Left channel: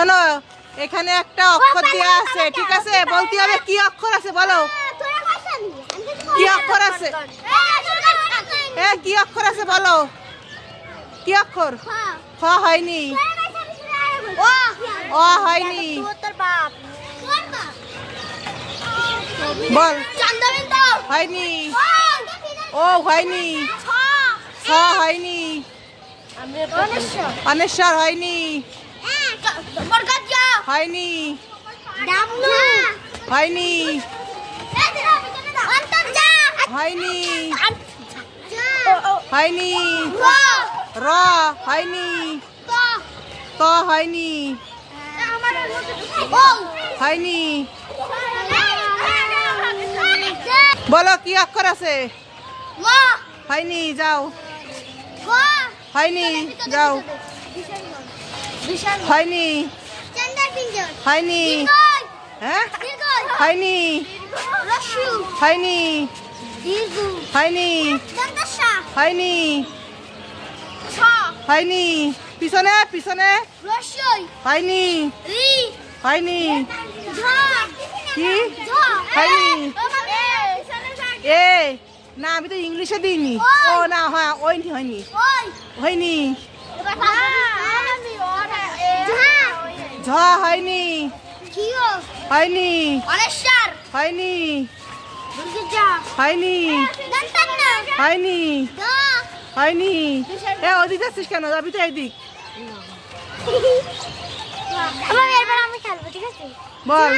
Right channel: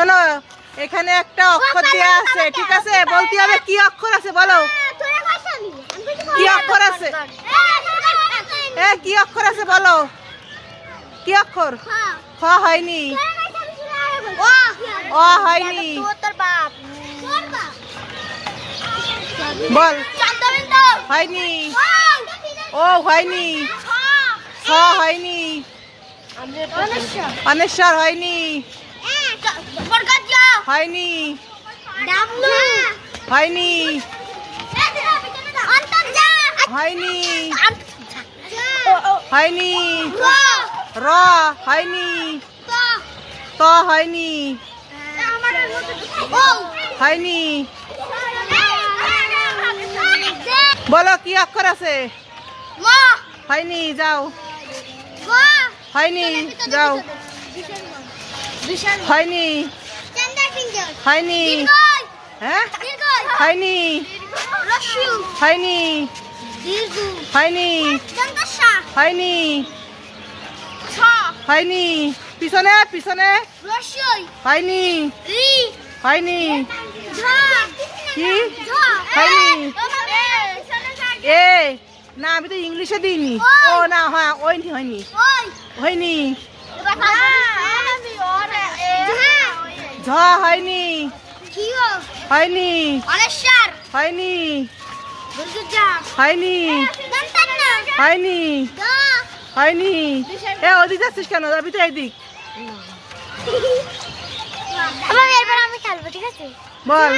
শোনো, এখানে একটা অক্ষর দেওয়া আছে, ঠিক আছে? বলতে হবে কি অক্ষর আছে, বলো কি অক্ষর আছে। কি অক্ষর আছে বলো, কি অক্ষর? খ হয়নি, অ হয়নি, বল হয়নি, ও হয়নি, ছ হয়নি, অনেশ্বর হয়নি, হয়নি, হয়নি, হয়নি, হয়নি, র হয়নি, ত হয়নি, হয়নি। বলো কি অক্ষর আছে? হয়নি, যাও। হয়নি, যাও। হয়নি, হয়নি, হ্যাঁ হয়নি, হয়নি, হয়নি, হয়নি, হয়নি, পিছনে পিছনে, হয়নি, হয়নি, কি হয়নি, এ না আমি তো ইংলিশে দিইনি। ও না, হ্যাঁ ওই হয়নি, হয়নি, ঝ হয়নি, হয়নি, হয়নি, হয়নি, হয়নি, হয়নি। এ ওদিক যাচ্ছিস কেন? যাবি তো এইদিক। বল।